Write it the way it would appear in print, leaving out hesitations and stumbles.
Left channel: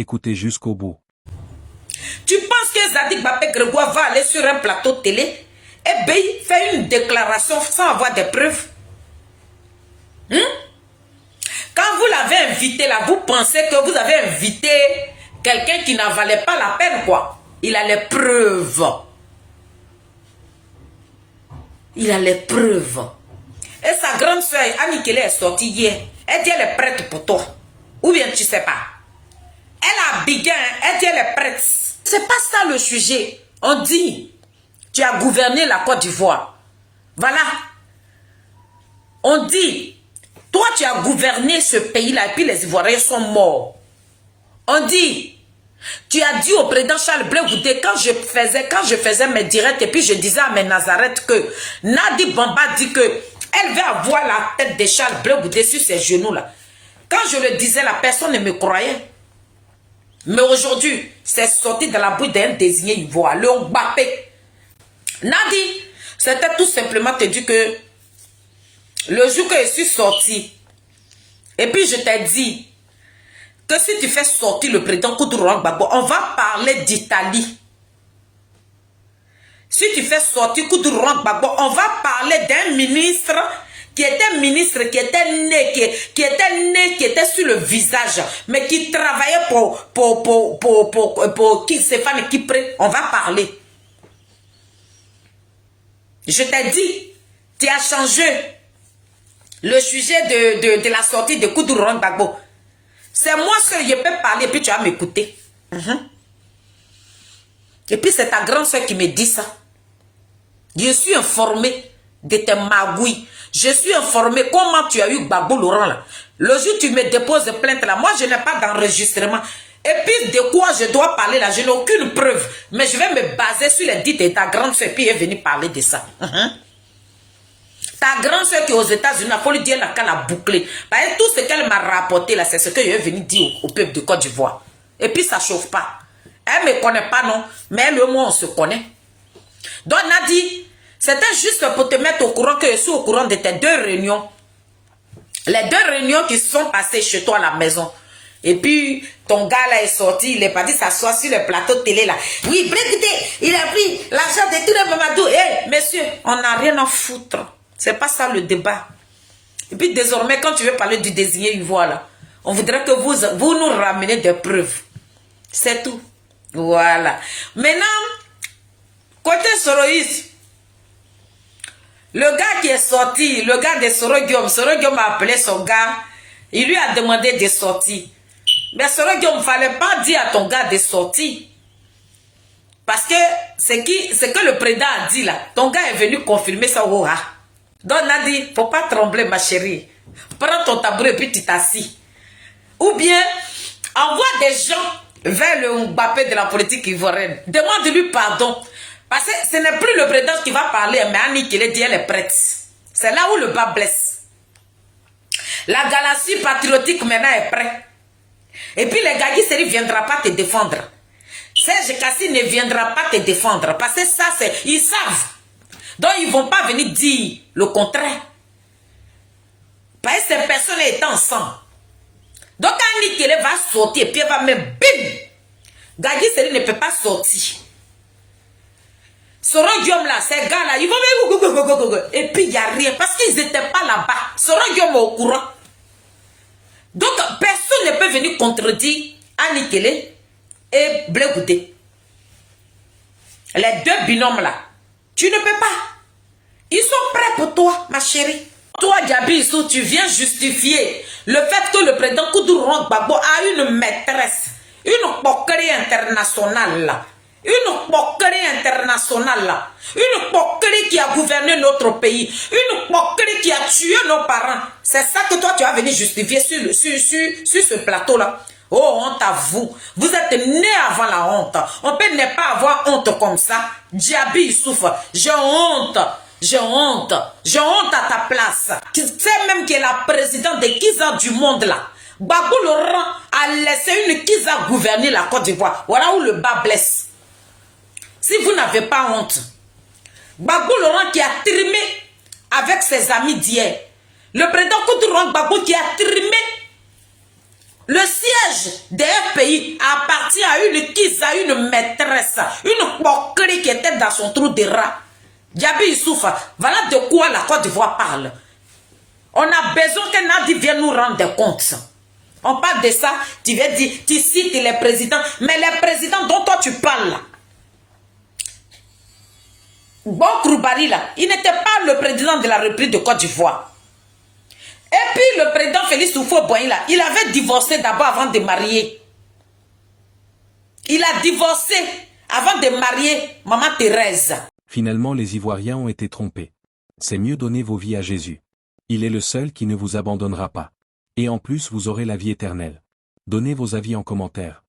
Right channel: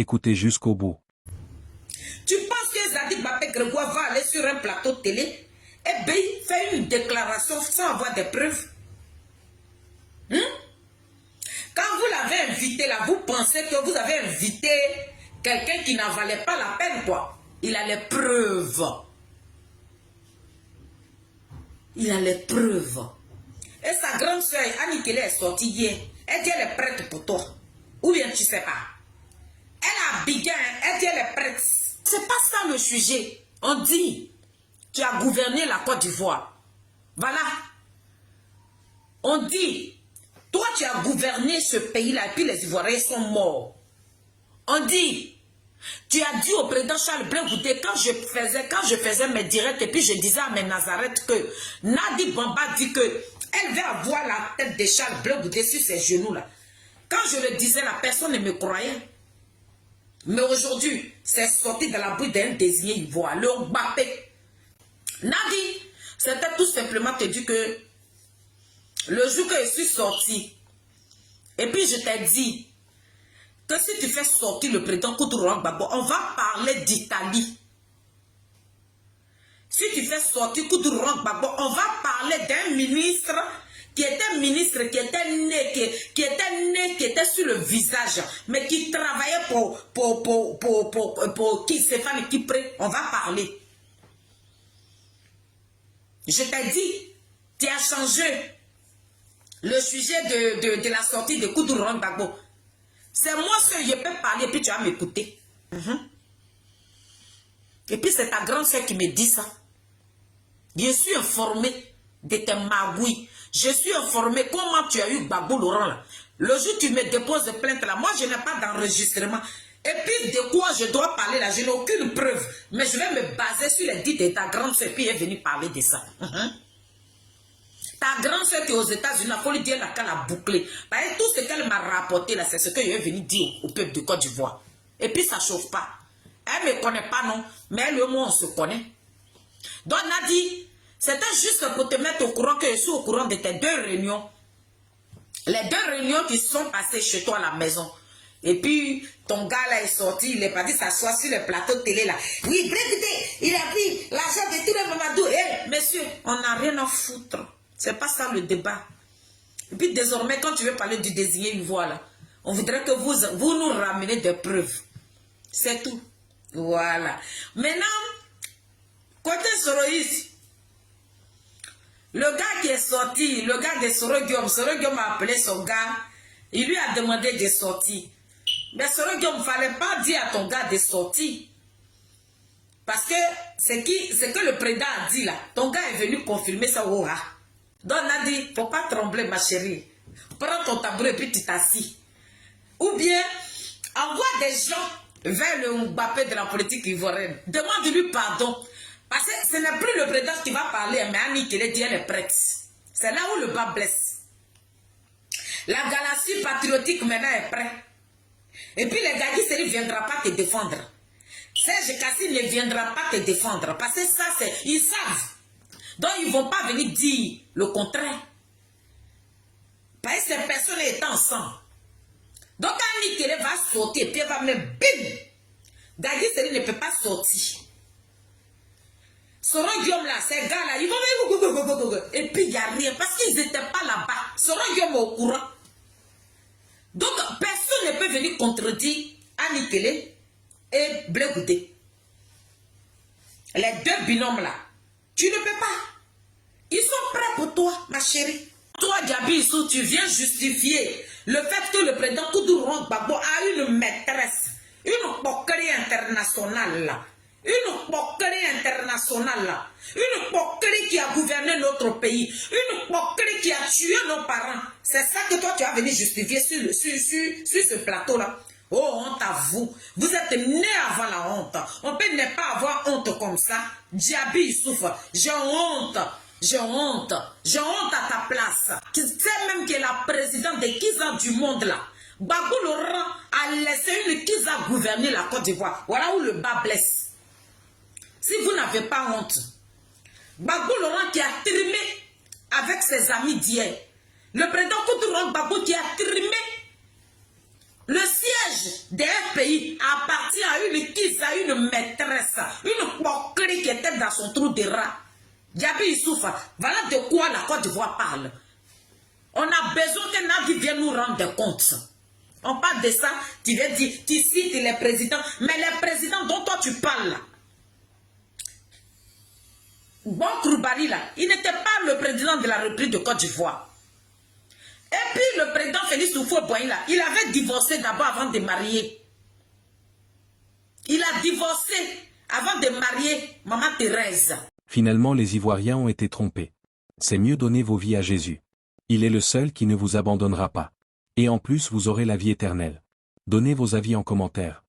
Écoutez jusqu'au bout. Tu penses que Zadig Babé Grégoire va aller sur un plateau de télé et bien faire une déclaration sans avoir des preuves? Quand vous l'avez invité là, vous pensez que vous avez invité quelqu'un qui n'en valait pas la peine, quoi. Il a les preuves. Il a les preuves. Et sa grande soeur, Annie Kelly, est sortie hier. Elle dit elle est prête pour toi. Ou bien tu sais pas. Elle a bigué, elle dit elle est prête. C'est pas ça le sujet. On dit, tu as gouverné la Côte d'Ivoire. Voilà. On dit, toi tu as gouverné ce pays-là et puis les Ivoiriens sont morts. On dit, tu as dit au président Charles Blé Goudé, quand je faisais mes directs et puis je disais à mes Nazareth que Nadi Bamba dit que elle veut avoir la tête de Charles Blé Goudé sur ses genoux là. Quand je le disais, la personne ne me croyait. Mais aujourd'hui, c'est sorti de la bouche d'un désigné ivoire, le Mbappé. Nadi, c'était tout simplement te dire que le jour que je suis sorti, et puis je t'ai dit que si tu fais sortir le président Koudourou Gbagbo, on va parler d'Italie. Si tu fais sortir Koudourou Gbagbo, on va parler d'un ministre qui était ministre, qui était sur le visage, mais qui travaillait pour Stéphane Kipré. On va parler. Je t'ai dit, tu as changé le sujet de la sortie de Koudourou Gbagbo. C'est moi seul, je peux parler, puis tu vas m'écouter. Et puis c'est ta grande soeur qui me dit ça. Je suis informé de tes magouilles. Je suis informé comment tu as eu Gbagbo Laurent là. Le jour où tu me déposes plainte là, moi je n'ai pas d'enregistrement. Et puis de quoi je dois parler là, je n'ai aucune preuve. Mais je vais me baser sur les dits de ta grande soeur, puis elle est venue parler de ça. Ta grande soeur qui est aux États-Unis, il faut lui dire qu'elle a bouclé. Parce que tout ce qu'elle m'a rapporté là, c'est ce que je est venu dire au peuple de Côte d'Ivoire. Et puis ça ne chauffe pas. Elle ne me connaît pas, non. Mais elle et moi, on se connaît. Donc, Nadi, c'était juste pour te mettre au courant que je suis au courant de tes 2 réunions. Les 2 réunions qui sont passées chez toi à la maison. Et puis, ton gars là est sorti, il est parti s'asseoir sur le plateau de télé là. Oui, Bréguité, il a pris l'argent de tout le Mamadou. Hé, messieurs, on n'a rien à foutre. C'est pas ça le débat. Et puis désormais, quand tu veux parler du désigné ivoire là, on voudrait que vous nous ramenez des preuves. C'est tout. Voilà. Maintenant, côté Soroïs, le gars qui est sorti, le gars de Soro Guillaume a appelé son gars, il lui a demandé de sortir. Mais Soro Guillaume, il ne fallait pas dire à ton gars de sortir. Parce que ce que le président a dit là, ton gars est venu confirmer ça au rat. Donc Nadi, il ne faut pas trembler ma chérie. Prends ton tabouret et puis tu t'assis. Ou bien, envoie des gens vers le Mbappé de la politique ivoirienne. Demande-lui pardon. Parce que ce n'est plus le président qui va parler, mais Annie qui dit elle est prête. C'est là où le bas blesse. La galaxie patriotique maintenant est prête. Et puis les Gagui Seri ne viendra pas te défendre. Serge Kassi ne viendra pas te défendre. Parce que ça, c'est... Ils savent. Donc, ils ne vont pas venir dire le contraire. Parce que ces personnes étaient ensemble. Donc, Annie Kele va sortir et puis elle va même bim. Gagui Seri ne peut pas sortir. Soro Guillaume là, ces gars là, ils vont même... Et puis, il n'y a rien. Parce qu'ils n'étaient pas là-bas. Soro Guillaume est au courant. Donc, personne ne peut venir contredire Annie Kele et Blé Goudé. Les 2 binômes là. Tu ne peux pas. Ils sont prêts pour toi, ma chérie. Toi, Gabi Issou, tu viens justifier le fait que le président Koudourou Gbagbo a une maîtresse, une poquerie internationale là. Une poquerie internationale là. Une poquerie qui a gouverné notre pays. Une poquerie qui a tué nos parents. C'est ça que toi, tu vas venir justifier sur ce plateau là. Oh, honte à vous. Vous êtes né avant la honte. On peut ne pas avoir honte comme ça. Djabi souffre. J'ai honte. J'ai honte. J'ai honte à ta place. Tu sais même que la présidente de Kiza du monde là, Gbagbo Laurent a laissé une Kiza gouverner la Côte d'Ivoire. Voilà où le bas blesse. Si vous n'avez pas honte, Gbagbo Laurent qui a trimé avec ses amis d'hier. Le président Koudourou Gbagbo qui a trimé Le siège d'un pays appartient à une maîtresse, une poquerie qui était dans son trou de rat. Diaby Issoufa, voilà de quoi la Côte d'Ivoire parle. On a besoin que Nadi vienne nous rendre compte. On parle de ça, tu viens dire, tu cites les présidents, mais les présidents dont toi tu parles là, Bon Kouroubari là, il n'était pas le président de la République de Côte d'Ivoire. Et puis le président Félix Houphouët-Boigny là, il avait divorcé d'abord avant de marier. Il a divorcé avant de marier Maman Thérèse. Finalement les Ivoiriens ont été trompés. C'est mieux donner vos vies à Jésus. Il est le seul qui ne vous abandonnera pas. Et en plus vous aurez la vie éternelle. Donnez vos avis en commentaire.